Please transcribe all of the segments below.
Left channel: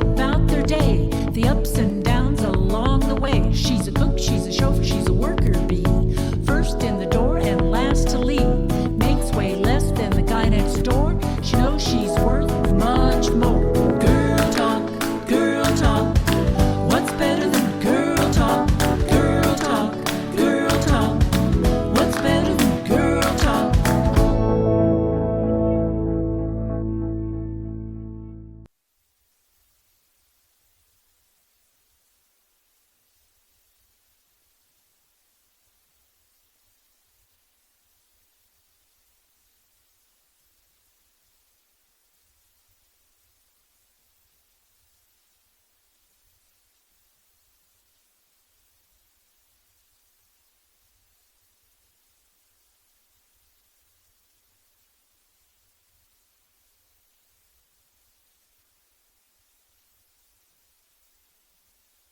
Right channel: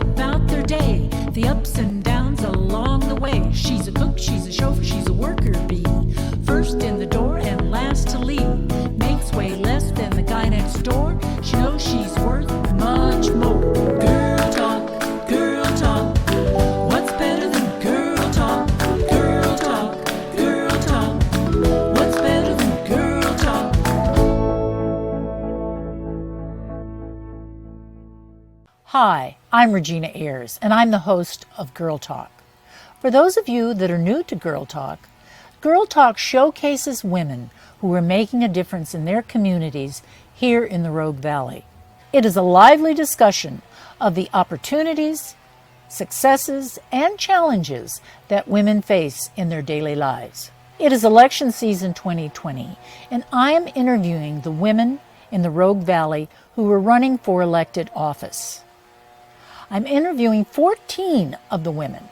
about their day, the ups and downs along the way. She's a cook, she's a chauffeur, she's a worker bee. First in the door and last to leave. Makes way less than the guy next door. She knows she's worth much more. Girl talk, girl talk. What's better than girl talk? Girl talk, girl talk. What's better than girl talk? Hi, I'm Regina Ayers, and I'm the host of Girl Talk. For those of you that are new to Girl Talk showcases women who are making a difference in their communities here in the Rogue Valley. It is a lively discussion of the opportunities, successes, and challenges that women face in their daily lives. It is election season 2020, and I am interviewing the women in the Rogue Valley who are running for elected office. I'm interviewing 14 of the women,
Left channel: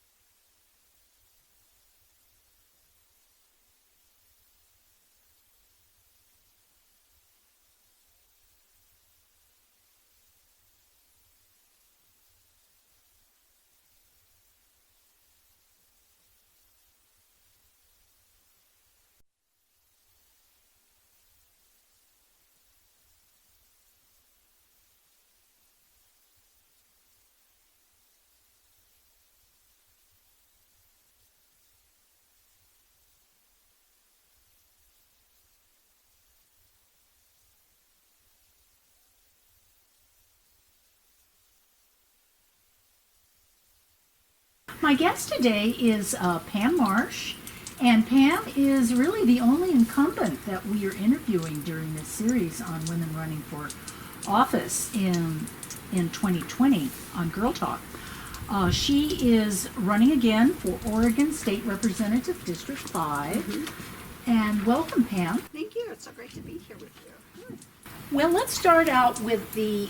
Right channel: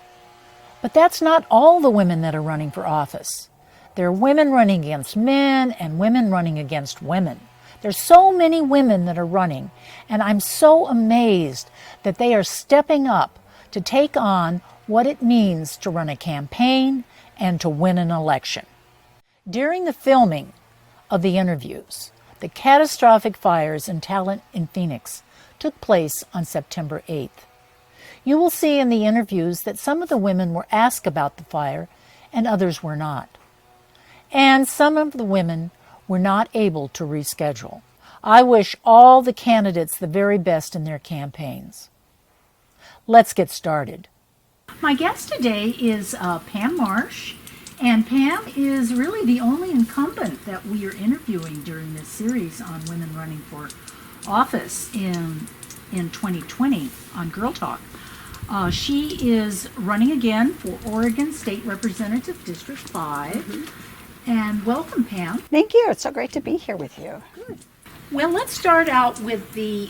but that's not all the women that are running for office. There are women running against men and women running against women. There's so many women that are running, and I'm so amazed that they are stepping up to take on what it means to run a campaign and to win an election. During the filming of the interviews, the catastrophic fires in Talent in Phoenix took place on September 8th. You will see in the interviews that some of the women were asked about the fire and others were not. And some of the women were not able to reschedule. I wish all the candidates the very best in their campaigns. Let's get started. My guest today is Pam Marsh, and Pam is really the only incumbent that we are interviewing during this series on women running for office in 2020 on Girl Talk. She is running again for Oregon State Representative District 5. Mm-hmm. And welcome, Pam. Thank you. It's so great to be here with you. Good. Well, let's start out with the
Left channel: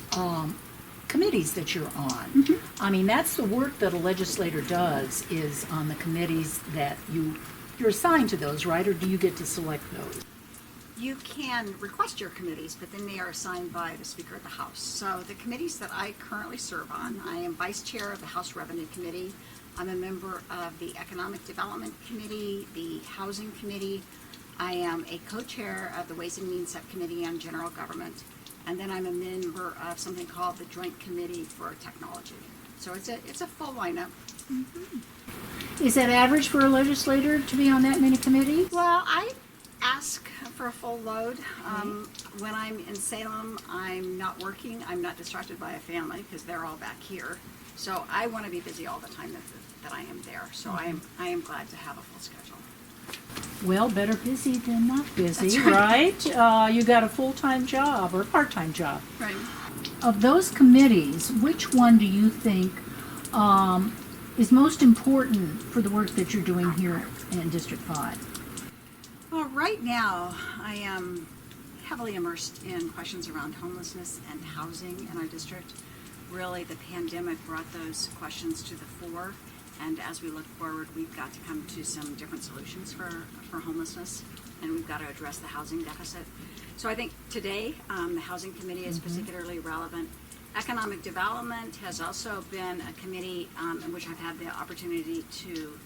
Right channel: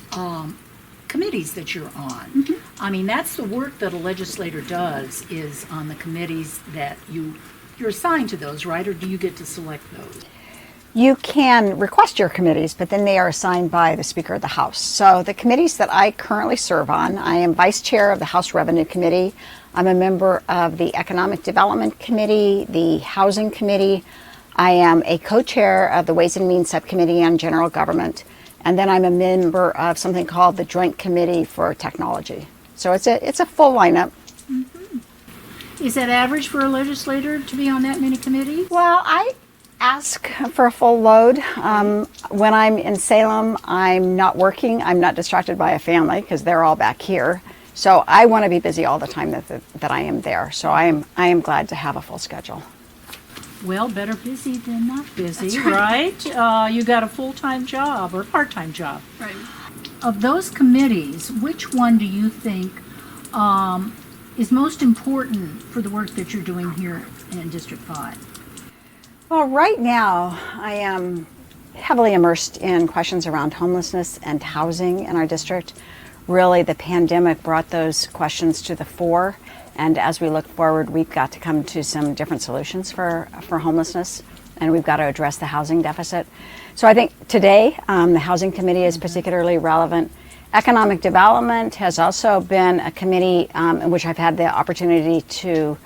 committees that you're on. Mm-hmm. I mean, that's the work that a legislator does, is on the committees that you're assigned to those, right? Or do you get to select those? You can request your committees, but then they are assigned by the Speaker of the House. So the committees that I currently serve on, I am Vice Chair of the House Revenue Committee. I'm a member of the Economic Development Committee, the Housing Committee. I am a co-chair of the Ways and Means Subcommittee on General Government. And then I'm a member of something called the Joint Committee for Technology. So it's a full lineup. Mm-hmm. Is that average for a legislator to be on that many committees? Well, I ask for a full load. When I'm in Salem, I'm not working. I'm not distracted by a family because they're all back here. So I want to be busy all the time that I am there. So I am glad to have a full schedule. Well, better busy than not busy, right? You got a full-time job or a part-time job. Right. Of those committees, which one do you think is most important for the work that you're doing here in District 5? Well, right now, I am heavily immersed in questions around homelessness and housing in our district. Really, the pandemic brought those questions to the fore, and as we look forward, we've got to come to some different solutions for homelessness, and we've got to address the housing deficit. So I think today, the Housing Committee is particularly relevant. Economic Development has also been a committee in which I've had the opportunity to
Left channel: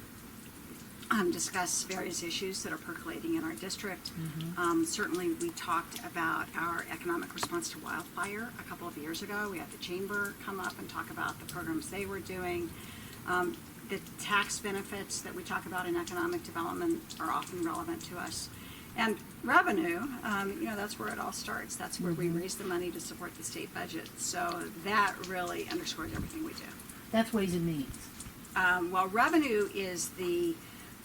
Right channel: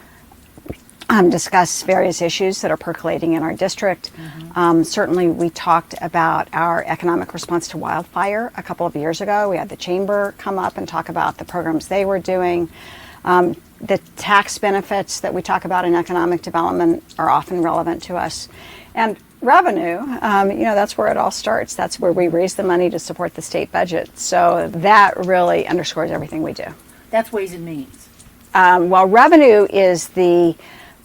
discuss various issues that are percolating in our district. Mm-hmm. Certainly, we talked about our economic response to wildfire a couple of years ago. We had the chamber come up and talk about the programs they were doing. The tax benefits that we talk about in economic development are often relevant to us. And revenue, that's where it all starts. That's where we raise the money to support the state budget. So that really underscores everything we do. That's Ways and Means. Well, revenue is the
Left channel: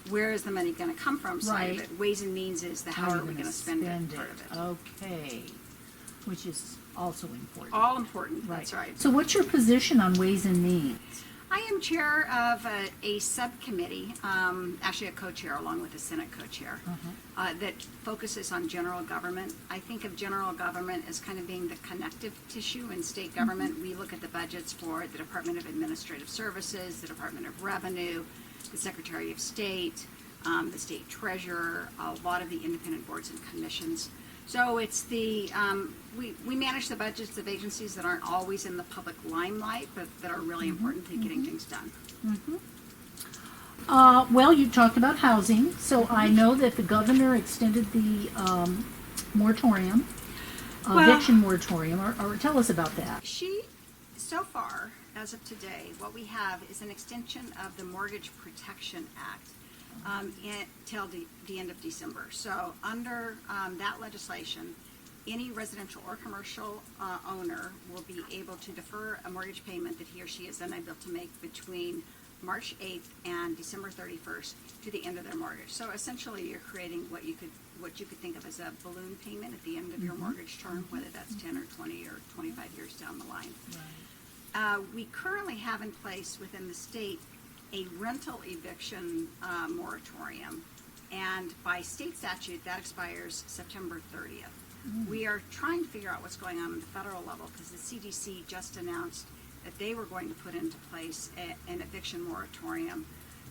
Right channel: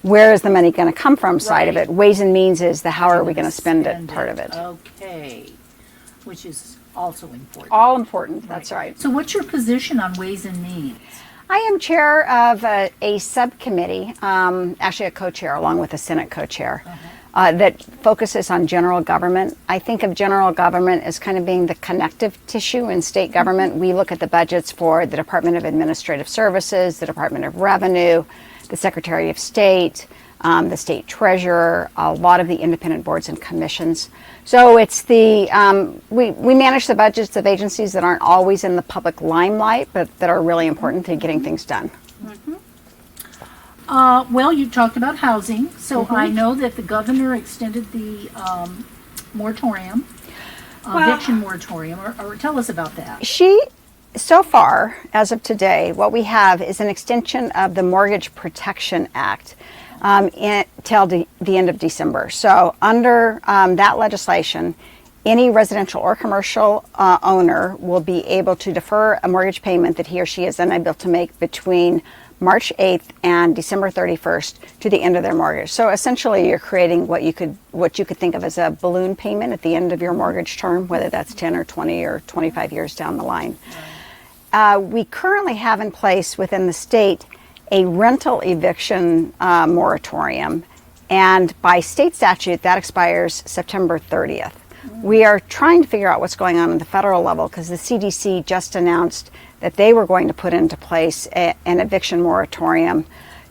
where is the money going to come from side of it. Ways and Means is the how are we going to spend it part of it. Okay, which is also important. All important, that's right. So what's your position on Ways and Means? I am chair of a subcommittee, actually a co-chair along with a Senate co-chair, that focuses on general government. I think of general government as kind of being the connective tissue in state government. We look at the budgets for the Department of Administrative Services, the Department of Revenue, the Secretary of State, the state treasurer, a lot of the independent boards and commissions. So it's we manage the budgets of agencies that aren't always in the public limelight, but that are really important to getting things done. Well, you talked about housing, so I know that the governor extended the moratorium, eviction moratorium, or tell us about that. So far, as of today, what we have is an extension of the Mortgage Protection Act till the end of December. So under that legislation, any residential or commercial owner will be able to defer a mortgage payment that he or she is unable to make between March 8th and December 31st to the end of their mortgage. So essentially you're creating what you could think of as a balloon payment at the end of your mortgage term, whether that's 10 or 20 or 25 years down the line. We currently have in place within the state a rental eviction moratorium, and by state statute that expires September 30th. We are trying to figure out what's going on at the federal level because the CDC just announced that they were going to put into place an eviction moratorium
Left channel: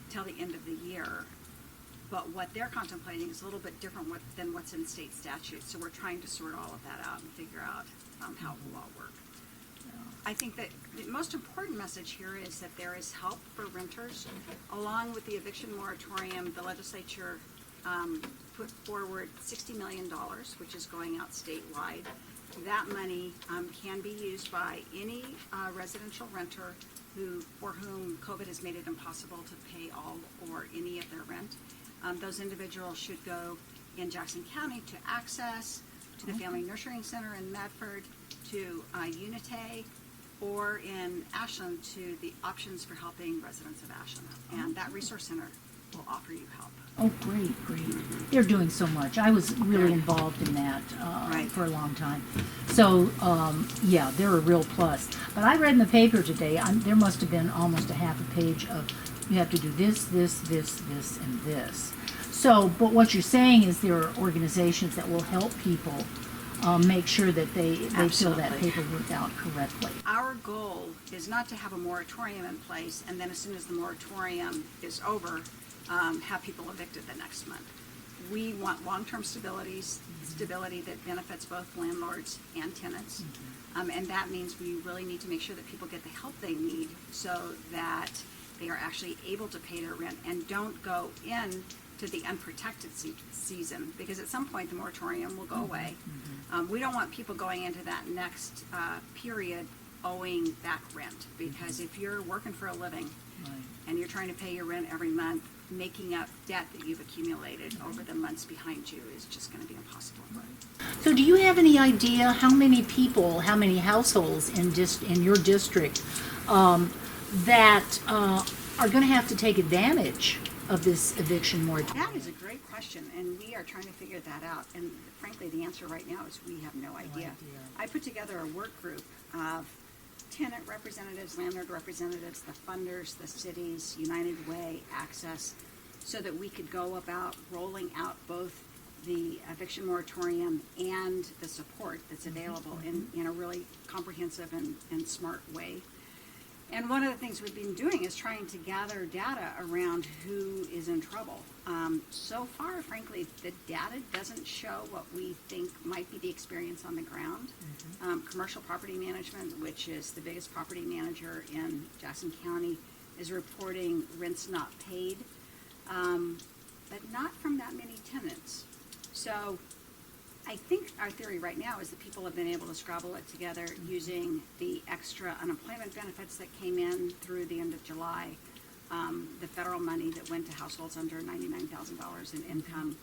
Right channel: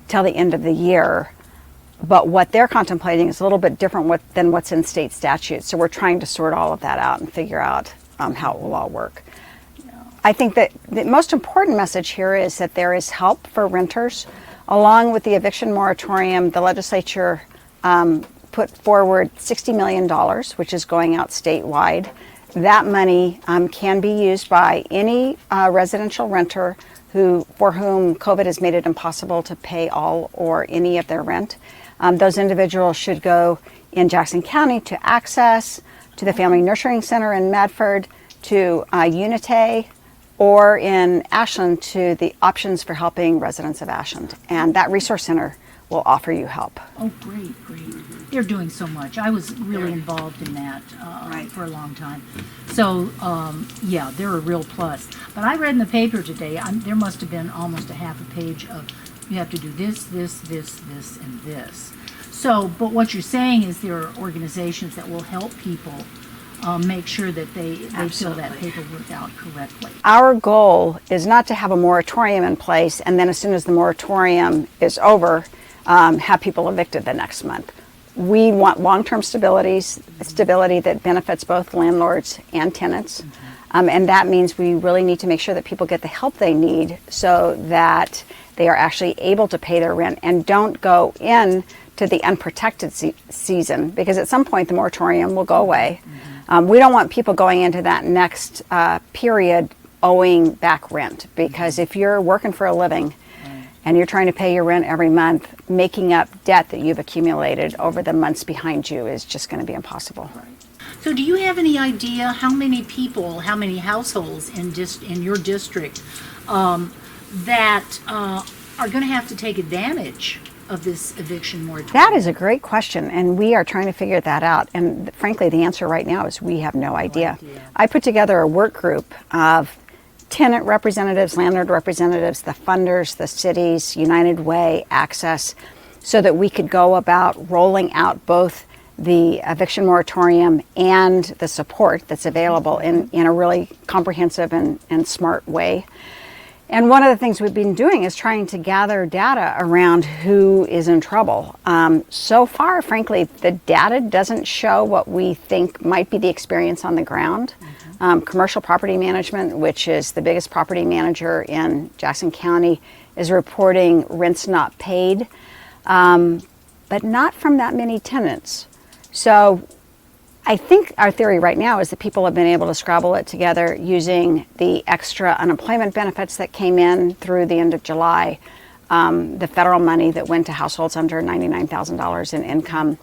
till the end of the year. But what they're contemplating is a little bit different than what's in state statute. So we're trying to sort all of that out and figure out how it will all work. I think that the most important message here is that there is help for renters. Along with the eviction moratorium, the legislature put forward $60 million, which is going out statewide. That money can be used by any residential renter for whom COVID has made it impossible to pay all or any of their rent. Those individuals should go in Jackson County to Access, to the Family Nurturing Center in Medford, to Unite, or in Ashland to the Options for Helping Residents of Ashland. And that resource center will offer you help. Oh, great. They're doing so much. I was really involved in that for a long time. So, yeah, they're a real plus. But I read in the paper today, there must have been almost a half a page of, you have to do this, and this. So, but what you're saying is there are organizations that will help people make sure that they fill that paperwork out correctly. Our goal is not to have a moratorium in place and then as soon as the moratorium is over, have people evicted the next month. We want long-term stability that benefits both landlords and tenants. And that means we really need to make sure that people get the help they need so that they are actually able to pay their rent and don't go in to the unprotected season, because at some point the moratorium will go away. We don't want people going into that next period owing back rent, because if you're working for a living and you're trying to pay your rent every month, making up debt that you've accumulated over the months behind you is just going to be impossible. So do you have any idea how many people, how many households in your district that are going to have to take advantage of this eviction moratorium? That is a great question, and we are trying to figure that out. And frankly, the answer right now is we have no idea. I put together a work group of tenant representatives, landlord representatives, the funders, the cities, United Way, Access, so that we could go about rolling out both the eviction moratorium and the support that's available in a really comprehensive and smart way. And one of the things we've been doing is trying to gather data around who is in trouble. So far, frankly, the data doesn't show what we think might be the experience on the ground. Commercial Property Management, which is the biggest property manager in Jackson County, is reporting rents not paid, but not from that many tenants. So I think our theory right now is that people have been able to scrabble it together using the extra unemployment benefits that came in through the end of July, the federal money that went to households under $99,000 in income.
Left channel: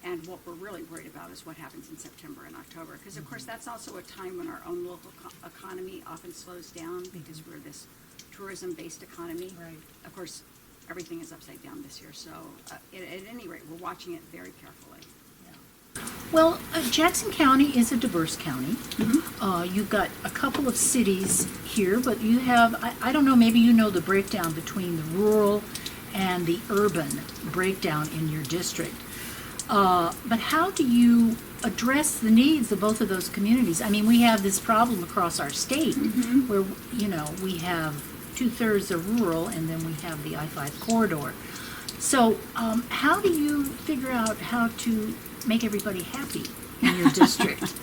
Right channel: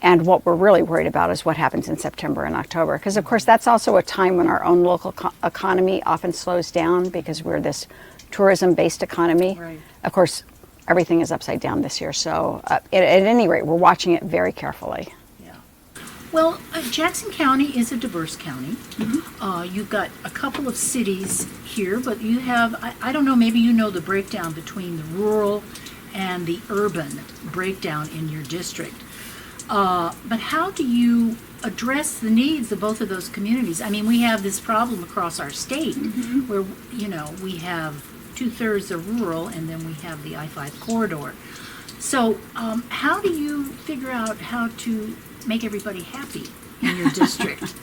And what we're really worried about is what happens in September and October. Because, of course, that's also a time when our own local economy often slows down because we're this tourism-based economy. Right. Of course, everything is upside down this year. So at any rate, we're watching it very carefully. Well, Jackson County is a diverse county. You've got a couple of cities here, but you have, I don't know, maybe you know the breakdown between the rural and the urban breakdown in your district. But how do you address the needs of both of those communities? I mean, we have this problem across our state where, you know, we have 2/3 are rural and then we have the I-5 corridor. So how do you figure out how to make everybody happy in your district?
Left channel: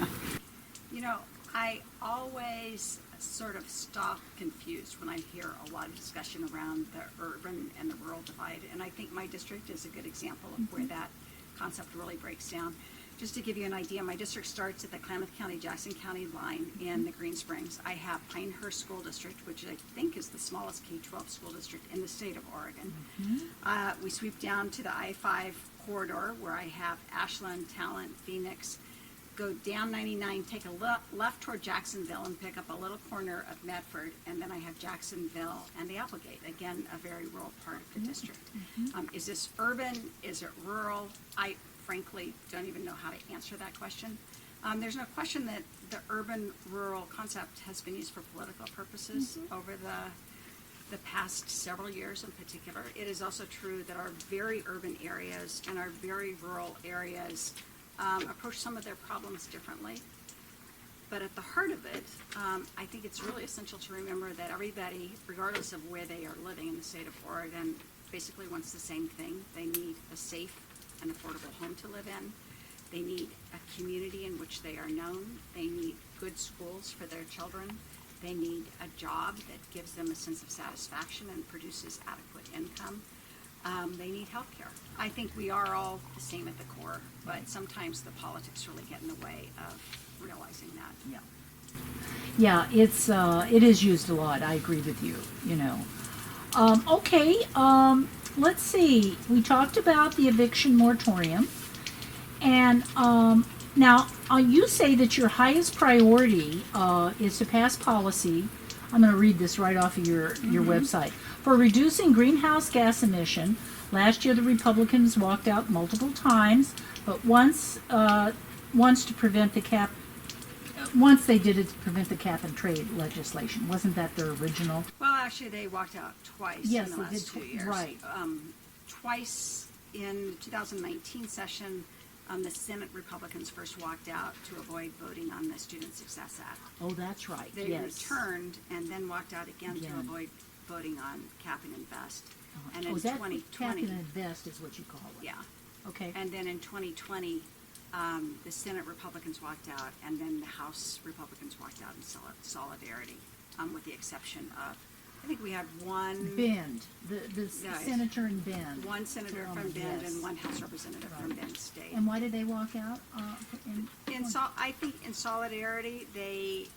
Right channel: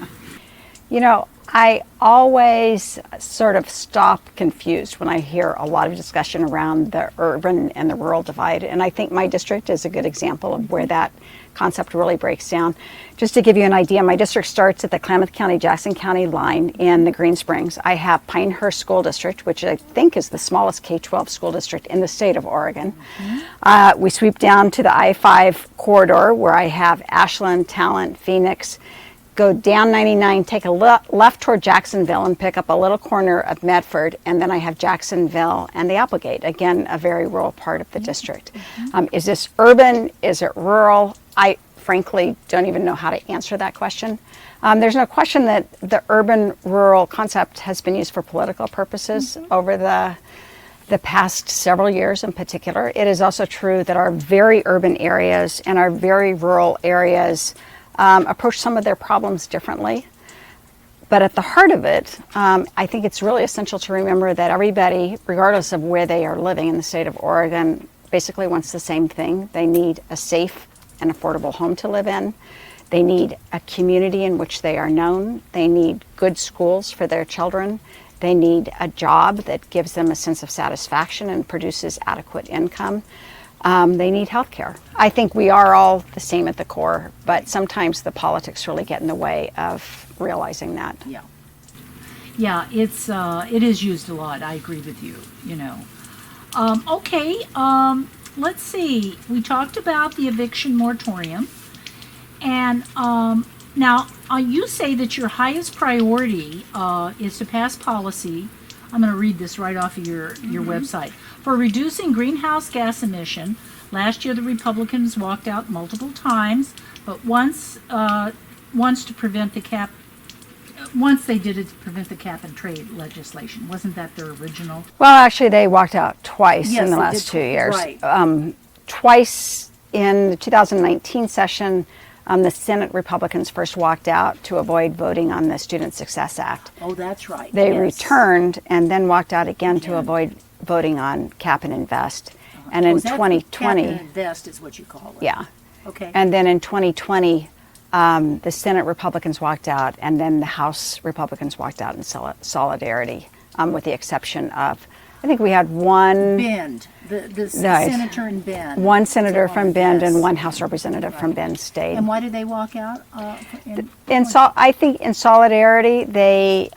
You know, I always sort of stop confused when I hear a lot of discussion around the urban and the rural divide. And I think my district is a good example of where that concept really breaks down. Just to give you an idea, my district starts at the Klamath County, Jackson County line in the Green Springs. I have Pinehurst School District, which I think is the smallest K-12 school district in the state of Oregon. We sweep down to the I-5 corridor where I have Ashland, Talent, Phoenix, go down 99, take a left toward Jacksonville and pick up a little corner of Medford, and then I have Jacksonville and the Applegate, again, a very rural part of the district. Is this urban? Is it rural? I frankly don't even know how to answer that question. There's no question that the urban-rural concept has been used for political purposes over the past several years in particular. It is also true that our very urban areas and our very rural areas approach some of their problems differently. But at the heart of it, I think it's really essential to remember that everybody, regardless of where they are living in the state of Oregon, basically wants the same thing. They need a safe and affordable home to live in. They need a community in which they are known. They need good schools for their children. They need a job that gives them a sense of satisfaction and produces adequate income. They need health care. I think we are all the same at the core, but sometimes the politics really get in the way of realizing that. Yeah. Yeah, it is used a lot. I agree with you, you know. Okay, let's see. We talked about the eviction moratorium. And now you say that your highest priority is to pass policy. I'm going to read this right off of your website. For reducing greenhouse gas emission, last year the Republicans walked out multiple times, but once to prevent the cap. Once they did it to prevent the cap and trade legislation. Wasn't that their original? Well, actually, they walked out twice in the they last did 2 years. Right. Twice in the 2019 session, the Senate Republicans first walked out to avoid voting on the Student Success Act. Oh, that's right. They yes. returned and then walked out again to avoid voting on cap and invest. And in 2020, cap and invest is what you call it. yeah. Okay. And then in 2020, the Senate Republicans walked out, and then the House Republicans walked out in solidarity, with the exception of, I think we had one. Bend. The senator in Bend. One senator from Bend yes. and one House representative from Bend stayed. And why did they walk out? I think in solidarity, they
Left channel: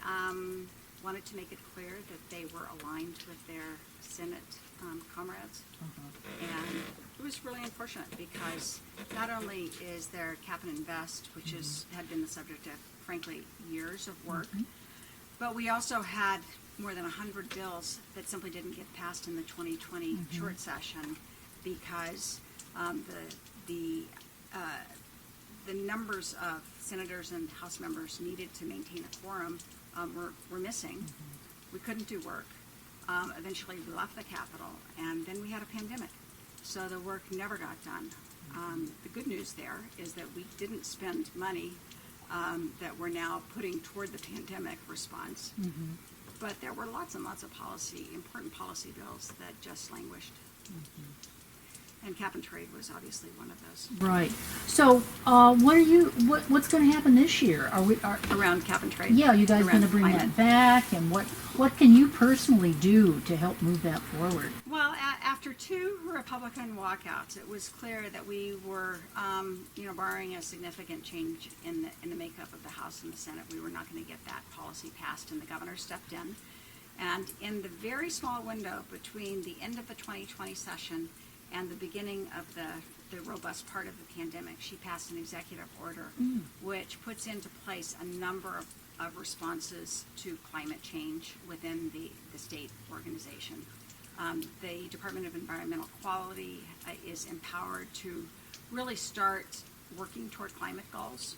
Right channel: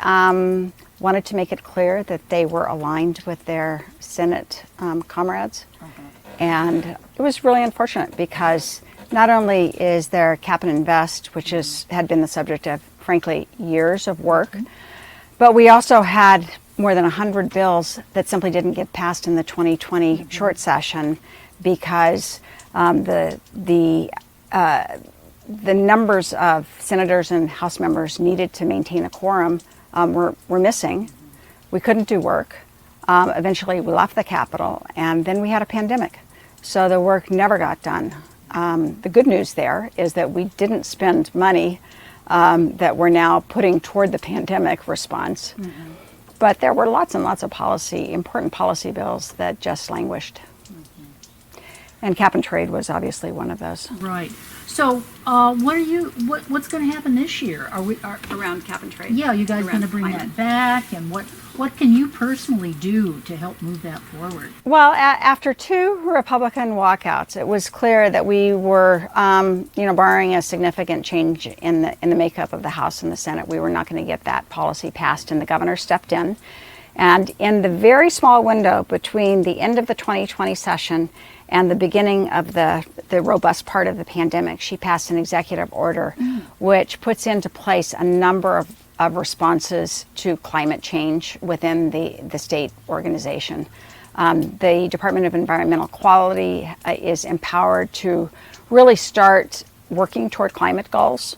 wanted to make it clear that they were aligned with their Senate comrades. And it was really unfortunate because not only is there cap and invest, which had been the subject of, frankly, years of work, but we also had more than 100 bills that simply didn't get passed in the 2020 short session because the numbers of senators and House members needed to maintain a quorum were missing. We couldn't do work. Eventually, we left the Capitol, and then we had a pandemic. So the work never got done. The good news there is that we didn't spend money that we're now putting toward the pandemic response. Mm-hmm. But there were lots and lots of important policy bills that just languished. Mm-hmm. And cap and trade was obviously one of those. Right. So what's going to happen this year? Around cap and trade? Yeah, you guys going to bring that back? And what can you personally do to help move that forward? Well, after two Republican walkouts, it was clear that we were, barring a significant change in the makeup of the House and the Senate, we were not going to get that policy passed, and the governor stepped in. And in the very small window between the end of the 2020 session and the beginning of the robust part of the pandemic, she passed an executive order which puts into place a number of responses to climate change within the state organization. The Department of Environmental Quality is empowered to really start working toward climate goals.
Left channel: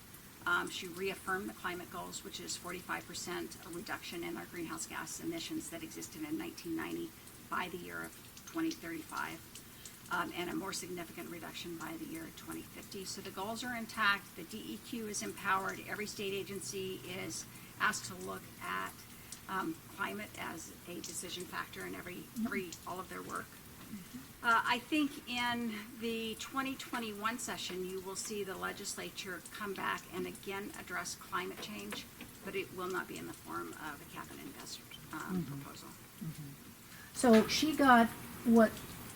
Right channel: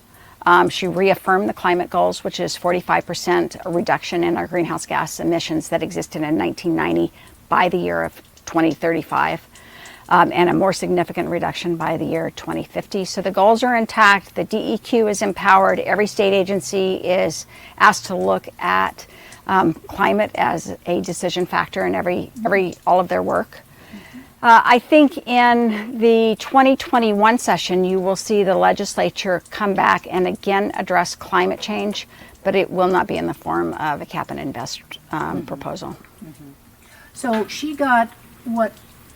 She reaffirmed the climate goals, which is 45% reduction in our greenhouse gas emissions that existed in 1990 by the year of 2035. And a more significant reduction by the year 2050. So the goals are intact. The DEQ is empowered. Every state agency is asked to look at climate as a decision factor in all of their work. I think in the 2021 session, you will see the legislature come back and again address climate change, but it will not be in the form of a cap and invest proposal. So she got what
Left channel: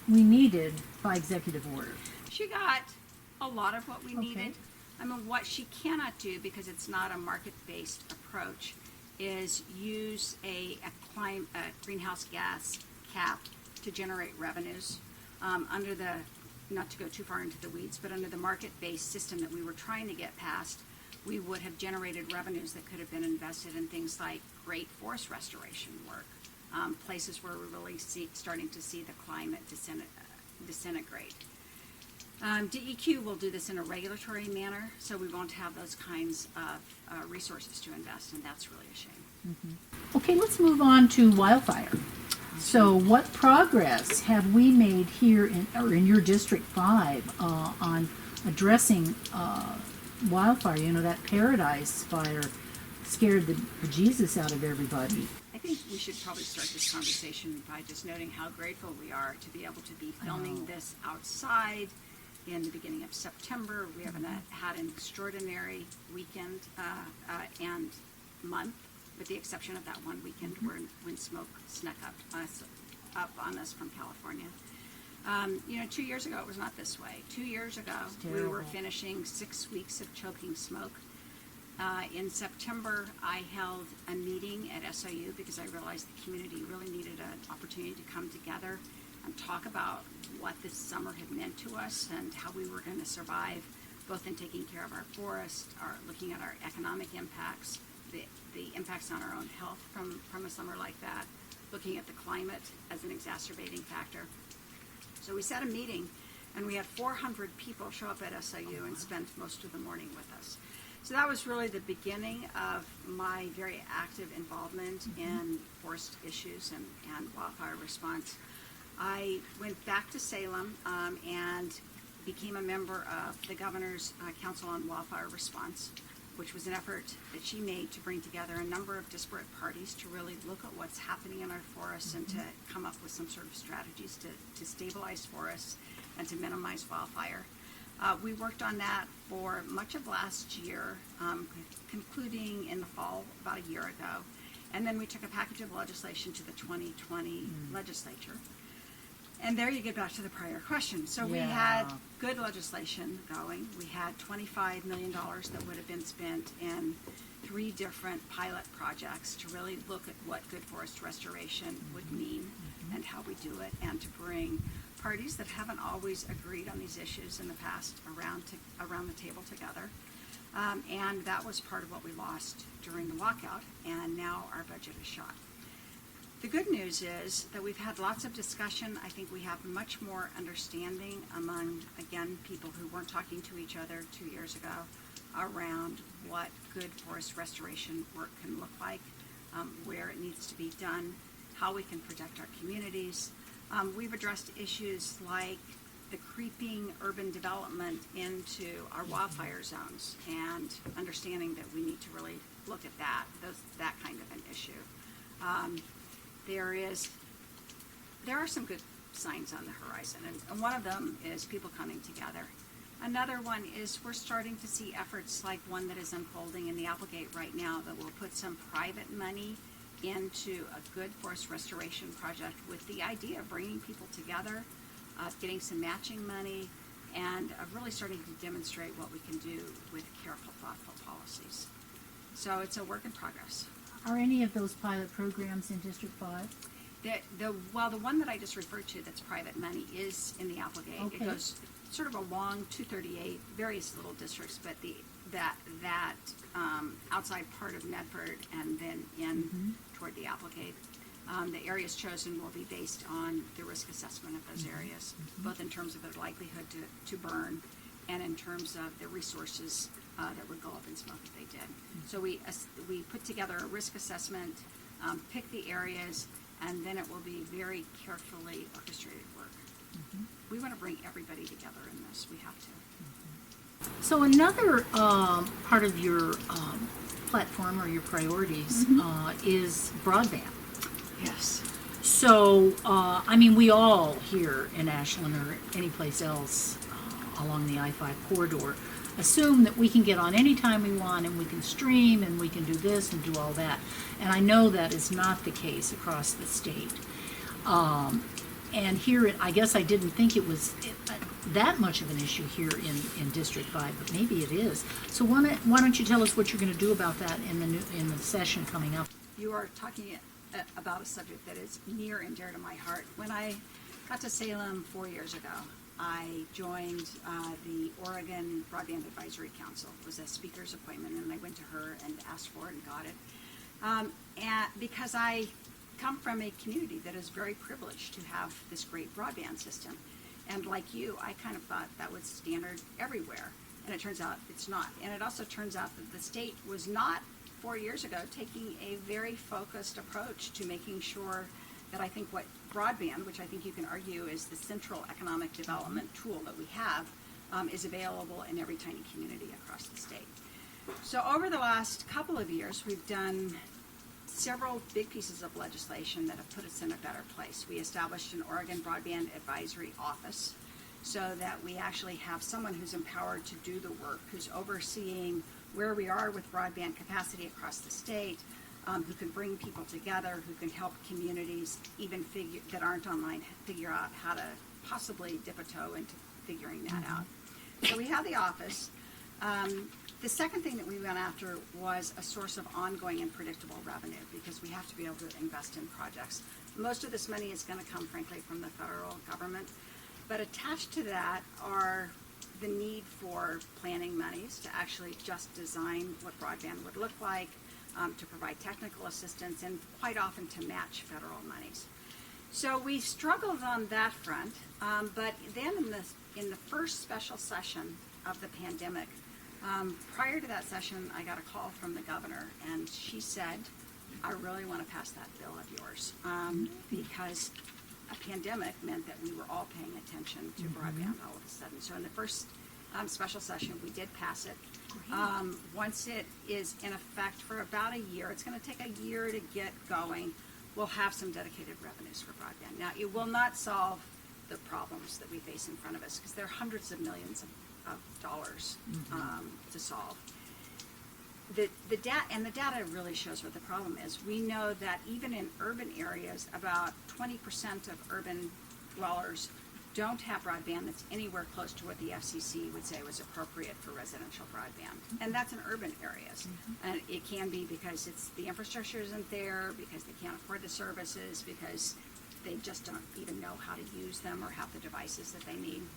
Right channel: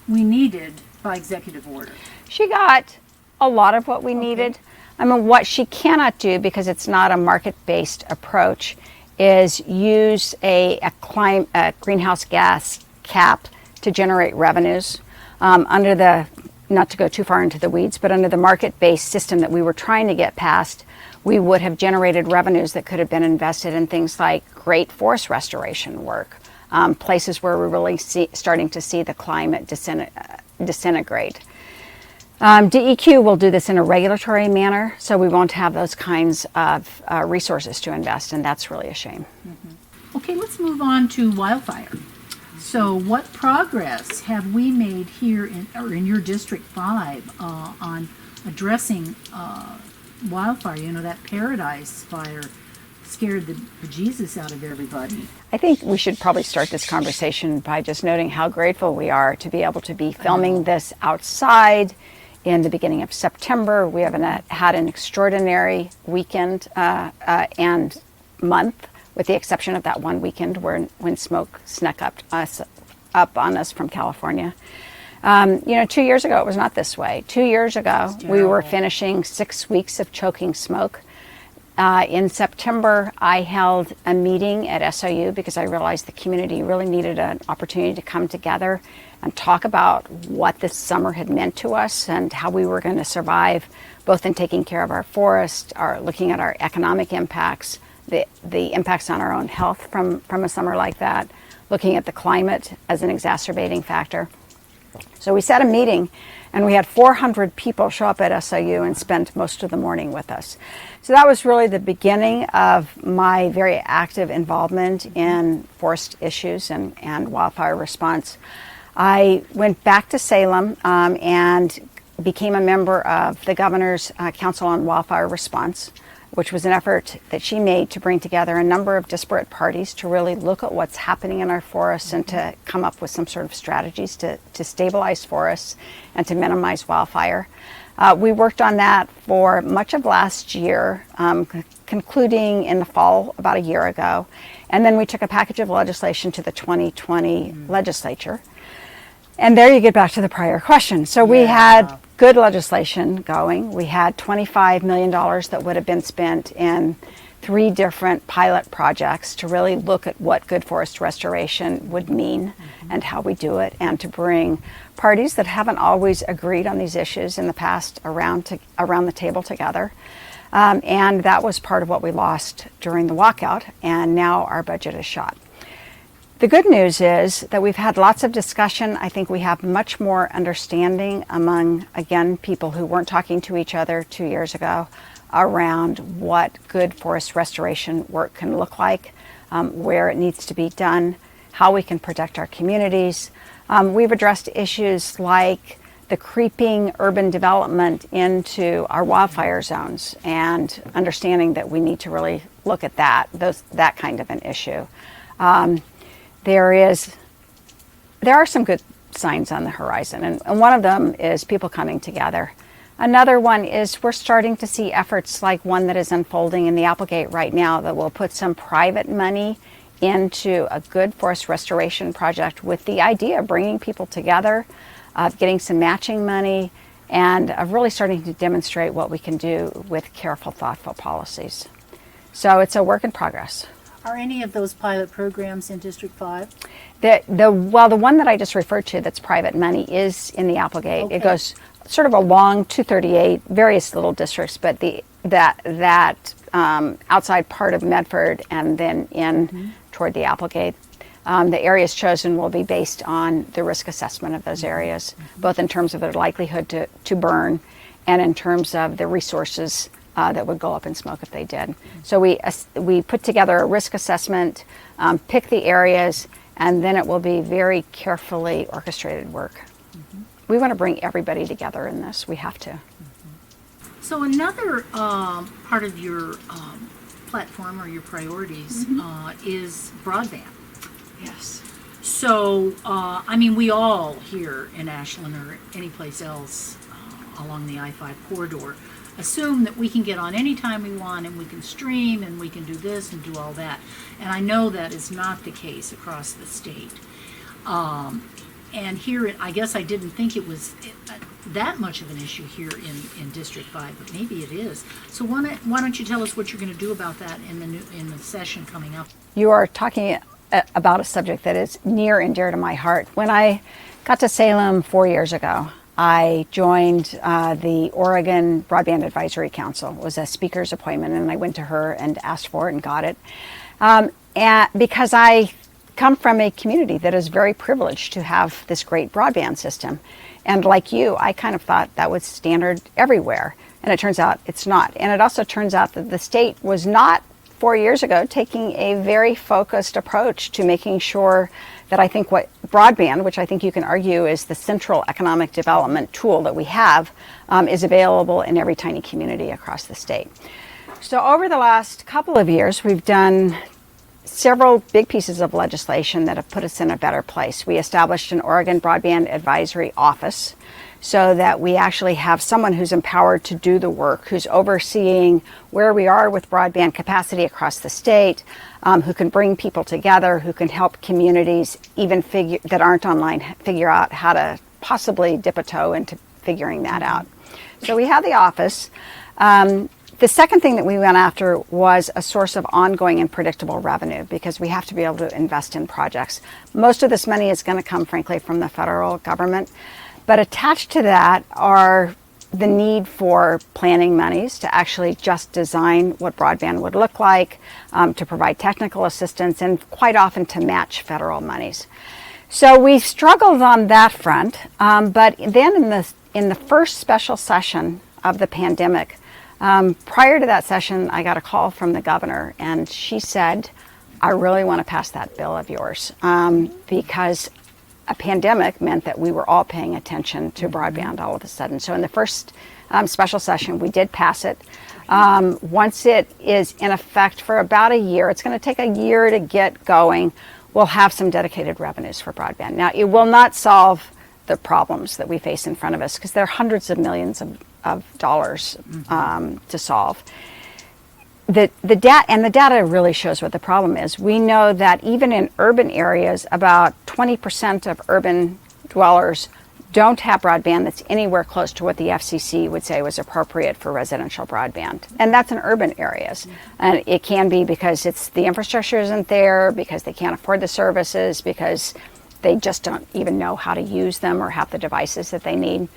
we needed by executive order. She got a lot of what we needed. I mean, what she cannot do, because it's not a market-based approach, is use a greenhouse gas cap to generate revenues. Under the, not to go too far into the weeds, but under the market-based system that we were trying to get past, we would have generated revenues that could have been invested in things like great forest restoration work, places where we're really starting to see the climate disintegrate. DEQ will do this in a regulatory manner, so we won't have those kinds of resources to invest, and that's really a shame. Okay, let's move on to Wildfire. So what progress have we made here in your District 5 on addressing wildfire? You know, that Paradise Fire scared the bejesus out of everybody. I think we should probably start this conversation by just noting how grateful we are to be able to be filming this outside in the beginning of September. We have had an extraordinary weekend and month, with the exception of that one weekend when smoke snuck up on us from California. 2 years ago it was not this way. 2 years ago we were finishing 6 weeks of choking smoke. In September I held a meeting at SOU because I realized the community really needed an opportunity to come together and talk about what this summer had meant to us and how we were going to survive, both in taking care of our forest, looking at our economic impacts, the impacts on our own health from a summer like that, looking at the climate as an exacerbating factor. So we set a meeting, and we had 400 people show up at SOU and spend most of the morning with us. So that was really the beginning of my very active involvement in forest issues and wildfire response. I went back to Salem and became a member of the Governor's Council on Wildfire Response, which was an effort that she made to bring together a number of disparate parties to really look at what's happening in our forests and to come up with some sort of strategies to stabilize forests and to minimize wildfire. We worked on that for much of last year, concluding in the fall about a year ago. And then we took a package of legislation to the 2020 legislature. And there you get back to the prior question. So we had good legislation going. We had $25 million that would have been spent in 3 different pilot projects to really look at what good forest restoration would mean and how we do it, and to bring parties that haven't always agreed on these issues in the past around the table together. And that was part of what we lost during the walkout, and now our budget is shot. The good news is that we've had lots of discussion. I think we have much more understanding among, again, people who weren't talking to each other 2 years ago around what good forest restoration work can look like, where it needs to be done, how we can protect our communities. We've addressed issues like the creeping urban development into our wildfire zones and understanding that we need to really look at that kind of an issue. There are some good signs on the horizon, and one of them is people coming together. Another one is we're starting to see efforts like one that is unfolding in the Applegate right now that will put some private money into a good forest restoration project with the idea of bringing people together, getting some matching money, and of really starting to demonstrate what we can do with careful, thoughtful policies. So it's a work in progress. Are any of those pilot programs in District 5? The one that I just referred to that's private money is in the Applegate. Okay. It goes sort of along 238, various little districts, but that outside part of Medford and then in toward the Applegate. The areas chosen will be based on the risk assessment of those areas, both in terms of their likelihood to burn and in terms of the resources that would go up in smoke if they did. So we put together a risk assessment, pick the areas, and then it will be very carefully orchestrated work. We want to bring everybody together in this. We have to. So another part of your platform or your priorities is broadband. Yes. So, I mean, we all here in Ashland or any place else along the I-5 corridor assume that we can get on anytime we want and we can stream and we can do this and do all that. And I know that is not the case across the state. And here, I guess I didn't think it was that much of an issue here in District 5, but maybe it is. So why don't you tell us what you're going to do about that in the session coming up? You are talking about a subject that is near and dear to my heart. When I got to Salem 4 years ago, I joined the Oregon Broadband Advisory Council. It was a speaker's appointment, and I went to her and asked for it and got it. And because I come from a community that is very privileged to have this great broadband system. And like you, I kind of thought that was standard everywhere. And it turns out it's not. And it also turns out that the state was not 4 years ago taking a very focused approach to making sure that I think what broadband, which I think you can argue is the central economic development tool that we have, is available in every tiny community across the state. So over the last couple of years, we've done several big pieces of legislation that have put us in a better place. We established an Oregon Broadband Advisory Office so that we actually have someone who's empowered to do the work, who's overseeing where we are with broadband capacity across the state, who can bring people together, who can help communities even that aren't online figure out how to possibly dip a toe into figuring that out. So we have the office. The second thing that we went after was a source of ongoing and predictable revenue, because we have to be able to invest in projects. Most of this money is going to come, frankly, from the federal government. But attached to that are the need for planning monies to actually just design what broadband would look like, to provide technical assistance, and quite often to match federal monies. So we struggled on that front. But then in the first special session of the pandemic, prior to that session, I got a call from the governor, and she said, I really want to pass that bill of yours, because a pandemic meant that we were all paying attention to broadband all of a sudden. So in the first special session, we did pass it. Once it is in effect for about a year, it's going to take a year to get going, we'll have some dedicated revenues for broadband. Now, it will not solve the problems that we face in front of us, because there are hundreds of millions of dollars to solve. The data really shows what the problem is. We know that even in urban areas, about 20% of urban dwellers don't have broadband that's anywhere close to what the FCC would say was appropriate for residential broadband. And that's in urban areas. And it can be because the infrastructure isn't there, because they can't afford the services, because they just don't even know how to use them or have the devices that they need.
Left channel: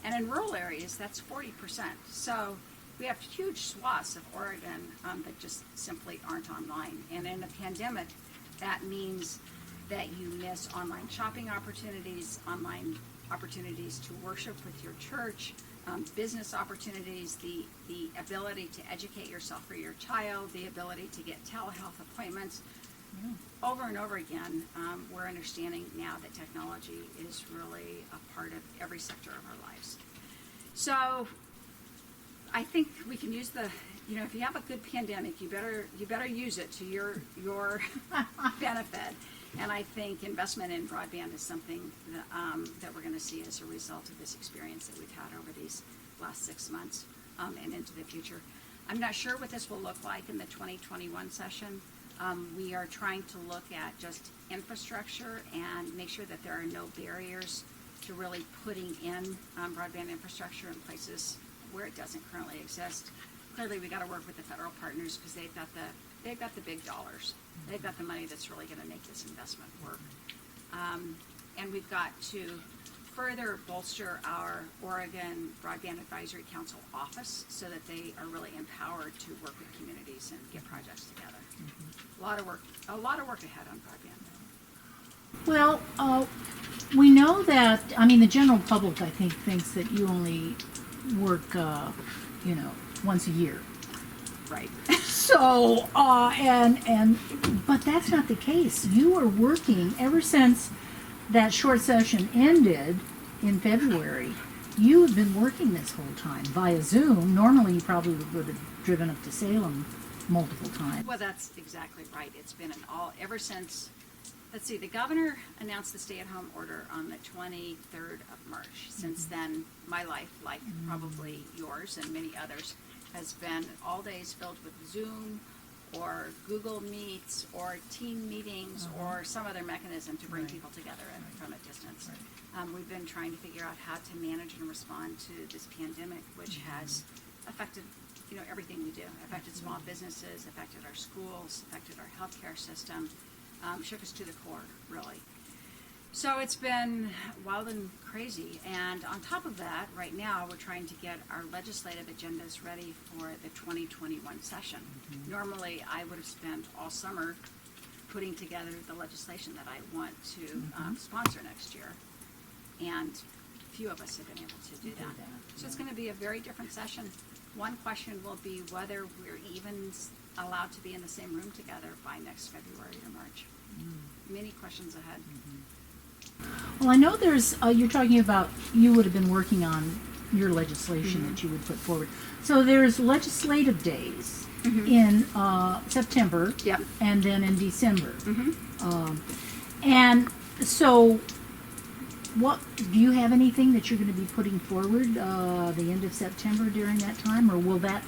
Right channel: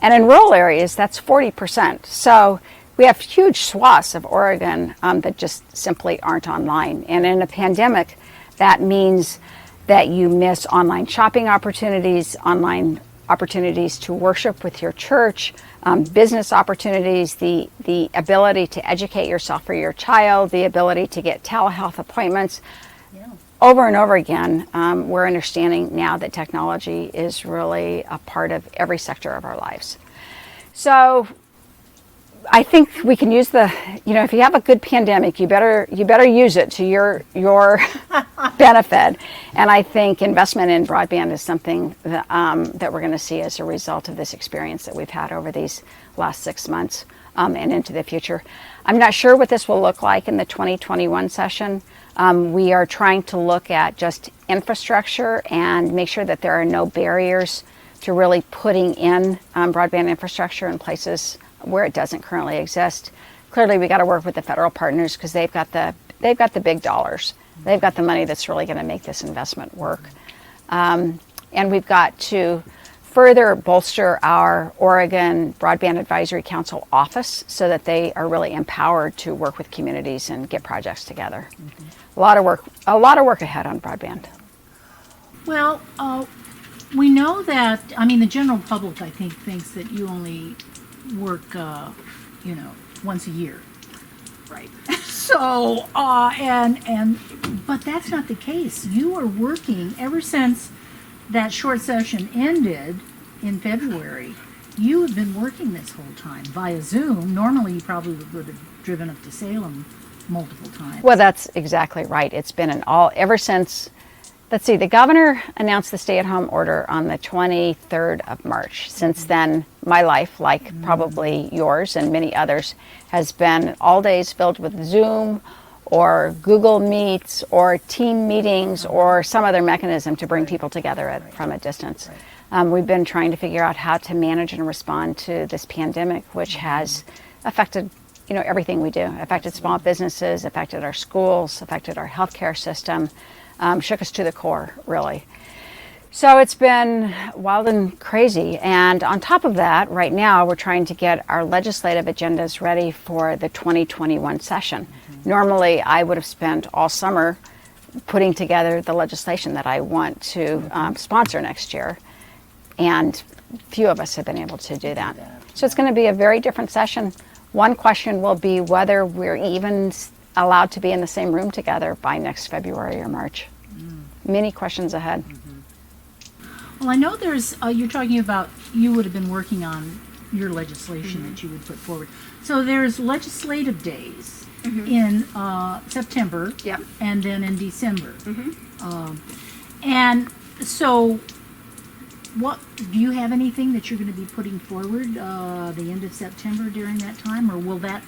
And in rural areas, that's 40%. So we have huge swaths of Oregon that just simply aren't online. And in a pandemic, that means that you miss online shopping opportunities, online opportunities to worship with your church, business opportunities, the ability to educate yourself or your child, the ability to get telehealth appointments. Yeah. Over and over again, we're understanding now that technology is really a part of every sector of our lives. So I think we can use if you have a good pandemic, you better use it to your benefit. And I think investment in broadband is something that we're going to see as a result of this experience that we've had over these last 6 months and into the future. I'm not sure what this will look like in the 2021 session. We are trying to look at just infrastructure and make sure that there are no barriers to really putting in broadband infrastructure in places where it doesn't currently exist. Clearly, we got to work with the federal partners, because they've got the big dollars. They've got the money that's really going to make this investment work. And we've got to further bolster our Oregon Broadband Advisory Council office so that they are really empowered to work with communities and get projects together. Mm-hmm. A lot of work ahead on broadband. Well, we know that, the general public, I think, thinks that you only work, once a year. Right. So, but that's not the case. You are working ever since that short session ended in February. You have been working this whole time via Zoom. Normally, you probably would have driven up to Salem multiple times. Well, that's exactly right. It's been ever since Let's see, the governor announced the stay-at-home order on the 23rd of March. Since then, my life, like probably yours and many others, has been all days filled with Zoom or Google Meets or team meetings or some other mechanism to bring people together from a distance. We've been trying to figure out how to manage and respond to this pandemic, which has affected everything we do, affected small businesses, affected our schools, affected our healthcare system, shook us to the core, really. So it's been wild and crazy. And on top of that, right now, we're trying to get our legislative agendas ready for the 2021 session. Normally, I would have spent all summer putting together the legislation that I want to sponsor next year. And few of us have been able to do that. So it's going to be a very different session. One question will be whether we're even allowed to be in the same room together by next February or March. Many questions ahead. Well, I know there's, you're talking about, you would have been working on your legislation that you would put forward. So there's legislative days in September and then in December. And so what, do you have anything that you're going to be putting forward the end of September during that time, or will that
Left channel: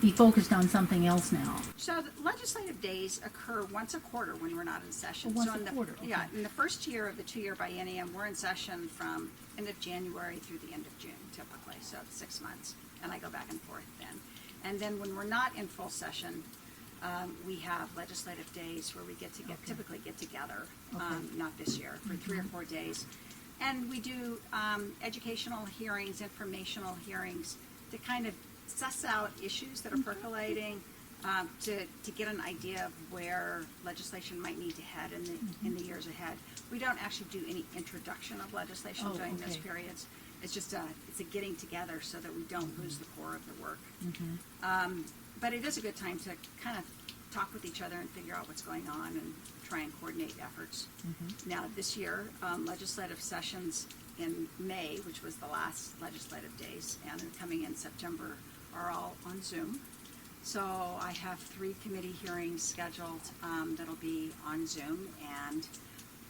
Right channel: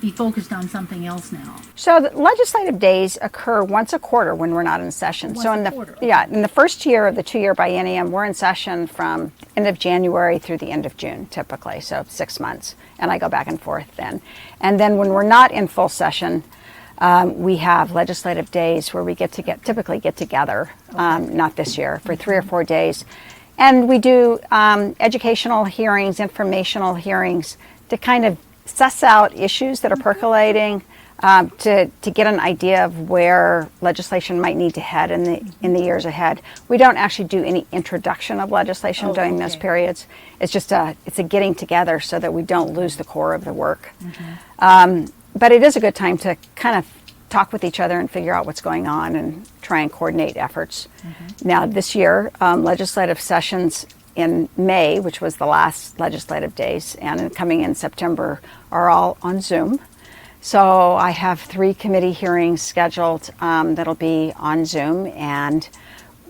be focused on something else now? So the legislative days occur once a quarter when we're not in session. So in the first year of the 2-year biennium, we're in session from end of January through the end of June, typically, so 6 months, and I go back and forth then. And then when we're not in full session, we have legislative days where we typically get together, not this year, for 3 or 4 days. And we do educational hearings, informational hearings to kind of suss out issues that are percolating, to get an idea of where legislation might need to head in the years ahead. We don't actually do any introduction of legislation during those periods. It's just it's a getting together so that we don't lose the core of the work. But it is a good time to kind of talk with each other and figure out what's going on and try and coordinate efforts. Now this year, legislative sessions in May, which was the last legislative days, and coming in September, are all on Zoom. So I have 3 committee hearings scheduled that'll be on Zoom, and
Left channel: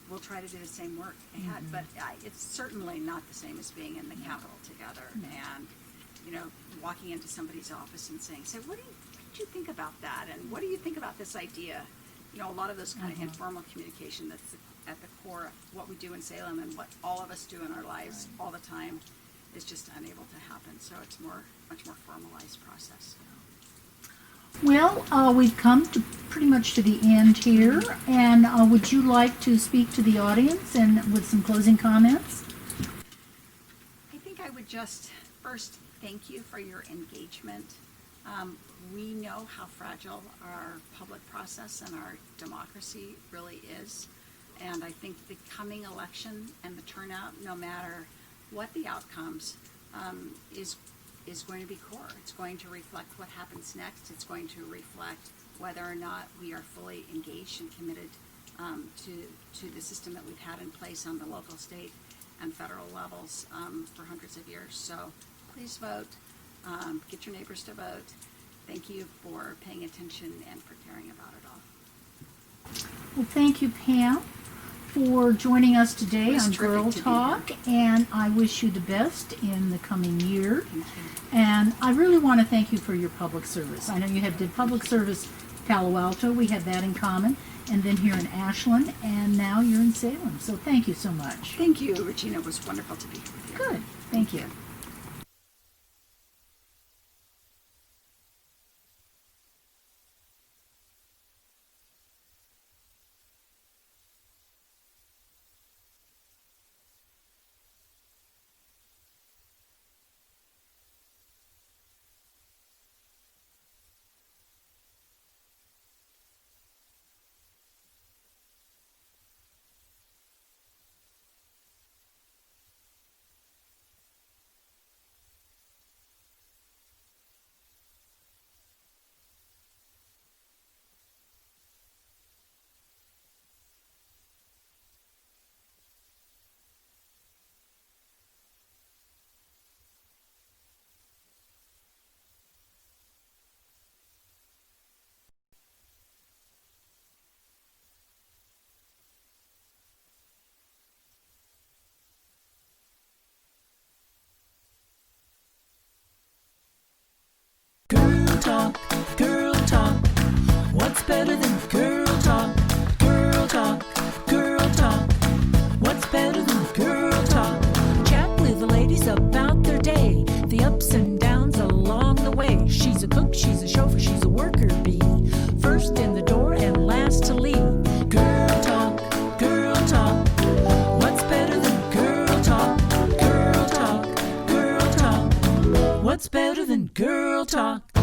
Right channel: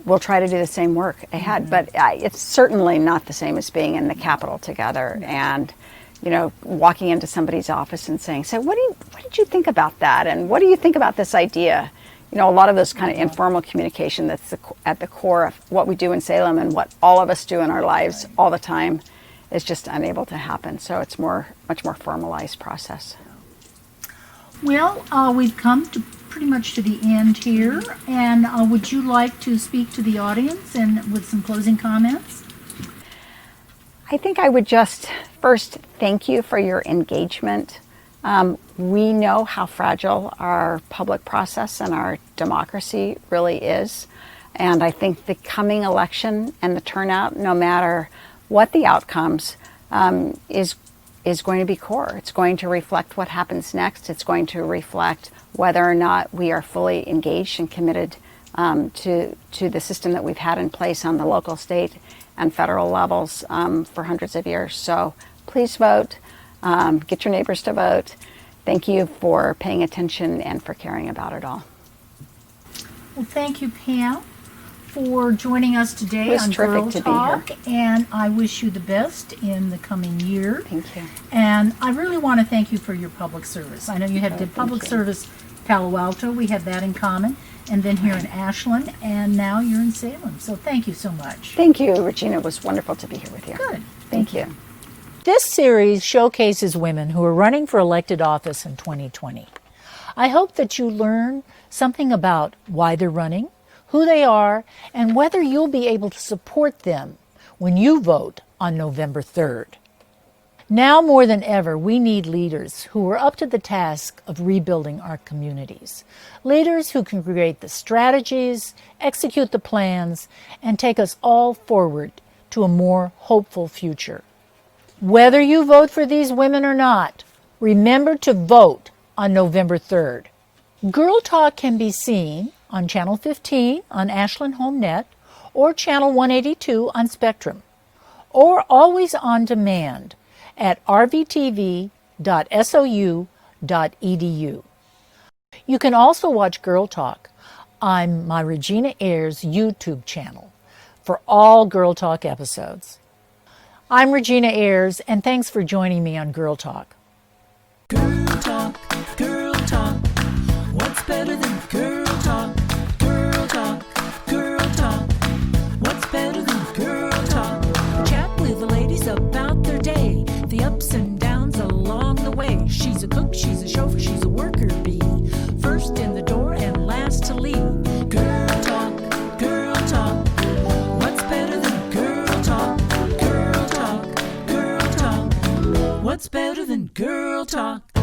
we'll try to do the same work ahead. But it's certainly not the same as being in the Capitol together and walking into somebody's office and saying, "So what did you think about that? And what do you think about this idea?" A lot of this kind of informal communication that's at the core of what we do in Salem and what all of us do in our lives all the time is just unable to happen. So it's much more formalized process. Well, we've come to pretty much to the end here, and would you like to speak to the audience and with some closing comments? I think I would just first thank you for your engagement. We know how fragile our public process and our democracy really is. And I think the coming election and the turnout, no matter what the outcomes, is going to be core. It's going to reflect what happens next. It's going to reflect whether or not we are fully engaged and committed to the system that we've had in place on the local, state, and federal levels for hundreds of years. So please vote. Get your neighbors to vote. Thank you for paying attention and for caring about it all. Well, thank you, Pam, for joining us today on Girl Talk, and I wish you the best in the coming year. Thank you. And I really want to thank you for your public service. I know you did public service Palo Alto. We have that in common. And then here in Ashland, and now you're in Salem. So thank you so much. Thank you, Regina. It was wonderful to be here with you. Good. Thank you. This series showcases women who are running for elected office in 2020. I hope that you learn something about why they're running, who they are, and whether you'll be able to support them when you vote on November 3rd. Now more than ever, we need leaders who are up to the task of rebuilding our communities. Leaders who can create the strategies, execute the plans, and take us all forward to a more hopeful future. Whether you vote for these women or not, remember to vote on November 3rd. Girl Talk can be seen on Channel 15 on Ashland HomeNet or Channel 182 on Spectrum, or always on demand at rvtv.sou.edu. You can also watch Girl Talk I'm my Regina Ayers YouTube channel for all Girl Talk episodes. I'm Regina Ayers, and thanks for joining me on Girl Talk. Girl talk, girl talk. What's better than girl talk? Girl talk, girl talk. What's better than girl talk? Chat with the ladies about their day, the ups and downs along the way. She's a cook, she's a chauffeur, she's a worker bee. First in the door and last to leave. Girl talk, girl talk. What's better than girl talk? Girl talk, girl talk. What's better than girl talk?